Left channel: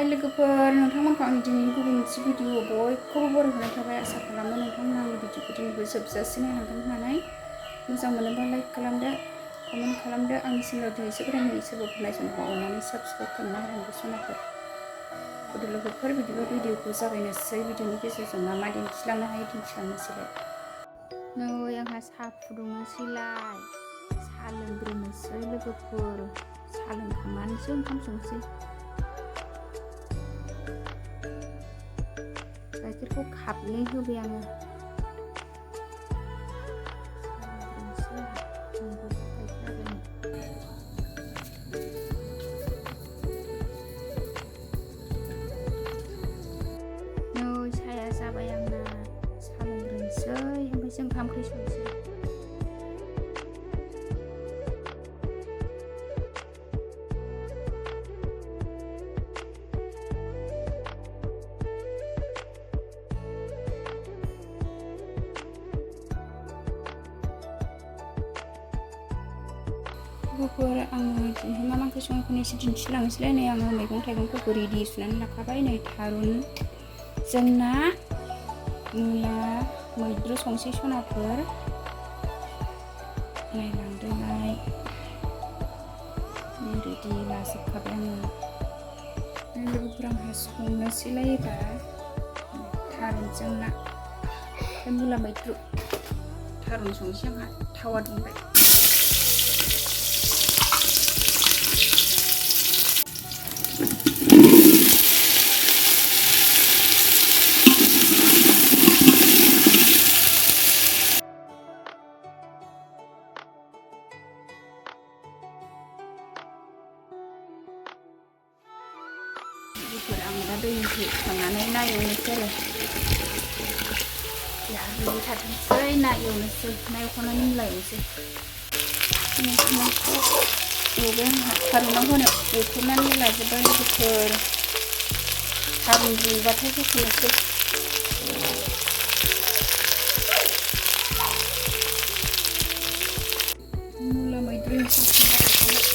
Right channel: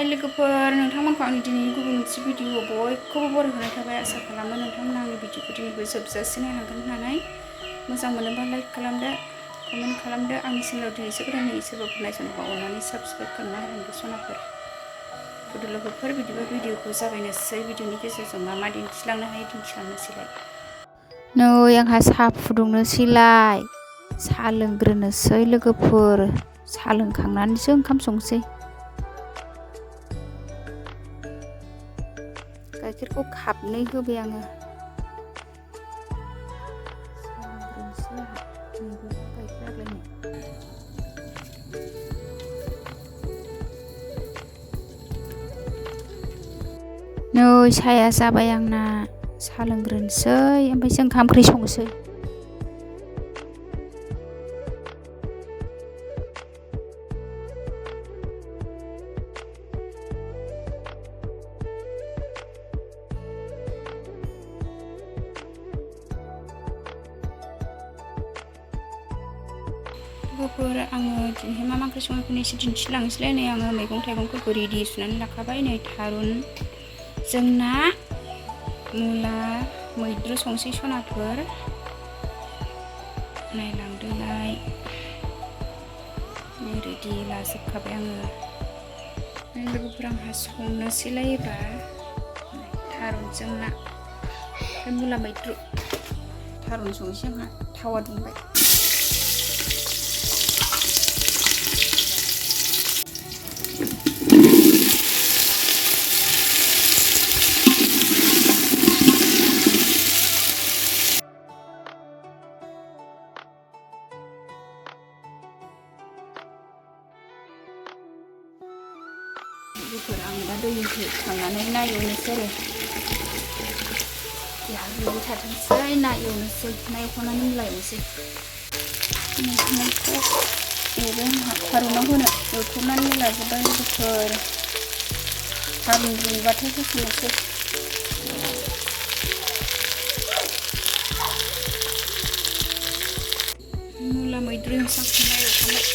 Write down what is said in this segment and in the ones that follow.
हाय लोगोफोर, नोंथांमोनखौ आंनि दिनैनि गुबुन मोनसे भिडिअ बयखौबो बरायहोनाय थाबाय। आसा खालामो नोंथांमोना आंनि भिडिअखौ दिनैबो जोबजासे नायलांगोन होननानै। मोजां मोनोबा लाइक खालामदो, कमेन्ट खालामदो। आंनि चेनेलाव दिनैसो गोदानै सोरबाफोर नायसनोबा अननानै साबस्क्राइब खालामना होलांदो सनाफोर। फट' लोगोफोर बिदिबा भिडिअखौ जागायनोसै। भिडिअनि गेजेरजों मा मा दिन्थिलांनो हायो दिन्थिलांनोसैलाय। नै आंहा साहा फुदुंनोसैलाय, साहा लोंग्रोनोसै लोगोफोर। साहा लोंखांनानैसो ओंखाम संसै। गाइखेरखौ खापनै होबाय आङो। नै साहाया जाबाय आंना। साहा लोंग्रोनोसै ओमफ्रायसो ओंखाम ओंख्रि संसै। लोगोफोर आङो दिनैहाय मा ओंख्रि संनायखौनो एसे दिन्थिलांनोसैलाय। नै आङो मैगं थाइगंफोरखौ रेडि सुनानै लाखाबाय। नै थारुन जोंना मुला मैद्रु संसै सनाफोर। नायलांदोलाय। नै रेडि लाजोबखाबाय आङो। नै लोगोफोर आंहा संनोसैलाय एबार थारुनजों ना ओमफ्राय मुला मैद्रु। थारुन संनोसै आंहा, थावा दुंबाय। लोगोफोर आं दा दैनिफ्राय खांनानै ना एवनोसै आरो। रुइबाय थाथोंसै, ना एवनोसै। ना एवखांनानै मुला एवनोसै। नाखौ एवबाय आंहा थारुनाव होनो एवथेनानै लाजोब्बाय लोगोफोर। थारुन रुइबाथाय होसननोसै। मुला मैद्रु एवखांबाय।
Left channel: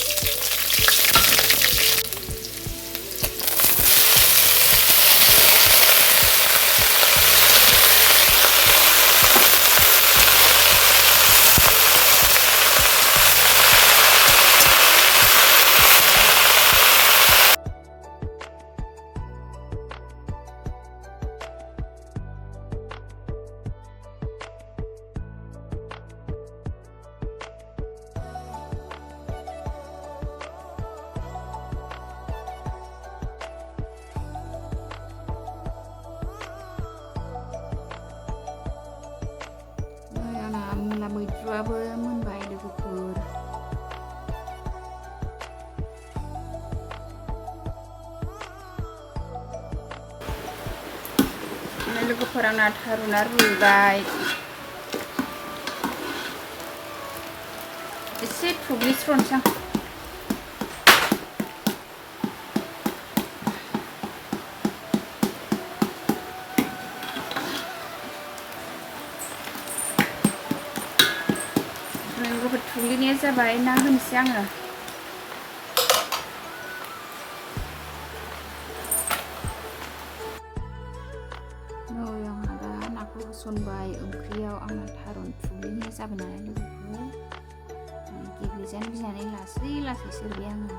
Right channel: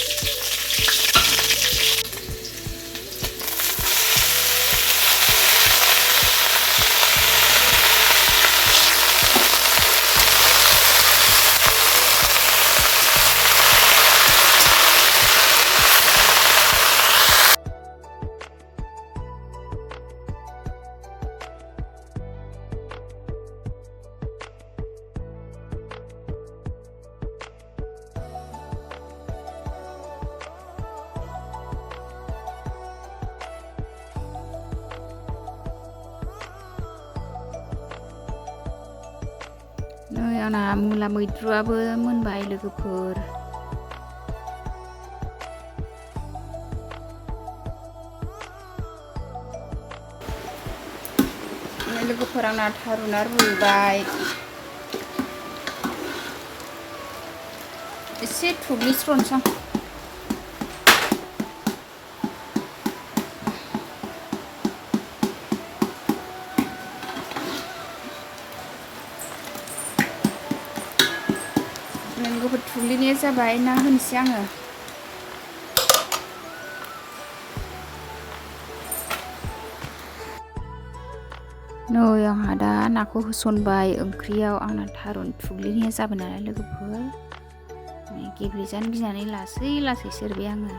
नै आंना मुला मैद्रुआबो मोनबाय लोगोफोर। लोगोफोर आंना थारुना रुइबाय। एसे थुग्लिस्र'नोसै आं। लोगोफोर थुग्लिनाया जाबाय। ना होनोसै आङो। नै आंहा दा नाखौ होसनबाय ओंख्रियाव। आंना थारुन थुग्लिनाया जाबाय नालाय लोगोफोर। गेब्लेजानो गिनानै लासै लासै सेरबाय आङो।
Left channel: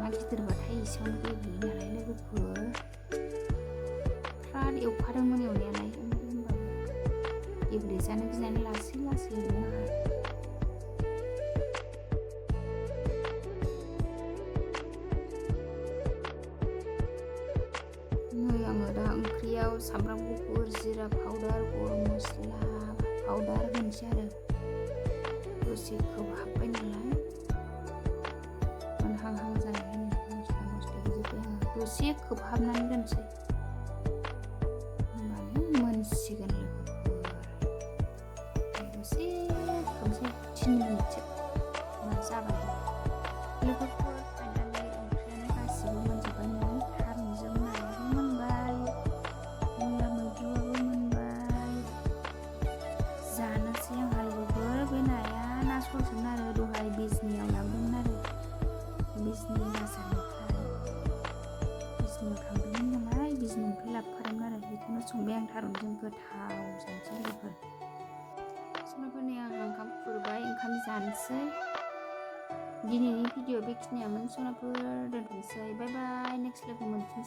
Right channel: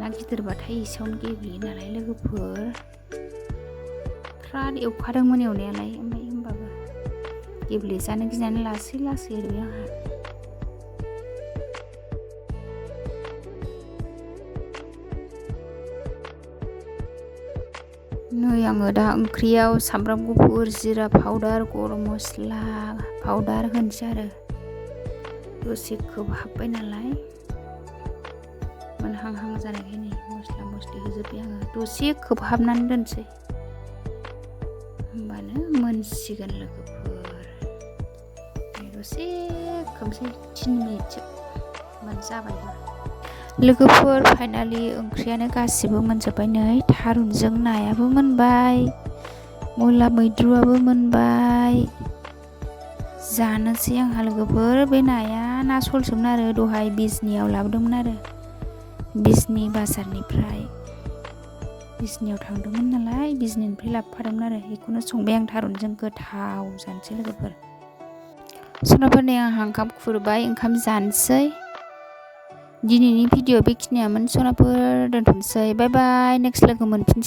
ना गिदिरबाथाय एसेयावनो गेब्लेयो नालाय लोगोफोर। फ्राद एवखादोंमोन एवनायालाय, ओमफ्राय होमबाबो गेब्लेजानो गिनानै लासै लासै एरबाय आंहा। नै आङो दा ओंख्रियाव सामब्राम गुफुर, जिरा पाउदार, गरम मस्ला पाउदार होनोसै आरो। दसे खोबहाबबाय नालाय मोनहांहां जानायखाय नै मस्ला मस्लि होजोब्बाय आङो। दसे खोबहाबनानै दोनसै, होमबानो मोनसिगोन लोगोफोर। दसे खोबसै 3 मिनिटसो, होमबानो जाबायबो। लोगोफोर फाइनालि ओंख्रियानो गासिबो मोनजोब्बाय। नै थारुनजों नायाबो मोनबाय, मुला मैद्रुआबो मोनबाय। जानोसै आंहा लोगोफोर। बे नाया ना सलसोमोन आरो, दहाय बिजनियाव लाबोदोंमोन आरो, बिजनि बाजारनिफ्राय। बिजनियाव थांदोंमोन नालाय बिजनिनिफ्राय लाबोफादोंमोन आरो बेखौनो संबाय आं थारुनजों गोथाव जानोसै लोगोफोर। सनाफोरनि आंहा ओंखाम खुरबाय ओंखाम जानोसै। दिनैनि भिडिअ बेखिनियामोन सनाफोर, दोनथ'नोसै। बाय बाय, नेक्स्ट लोगो मोनफिनसै।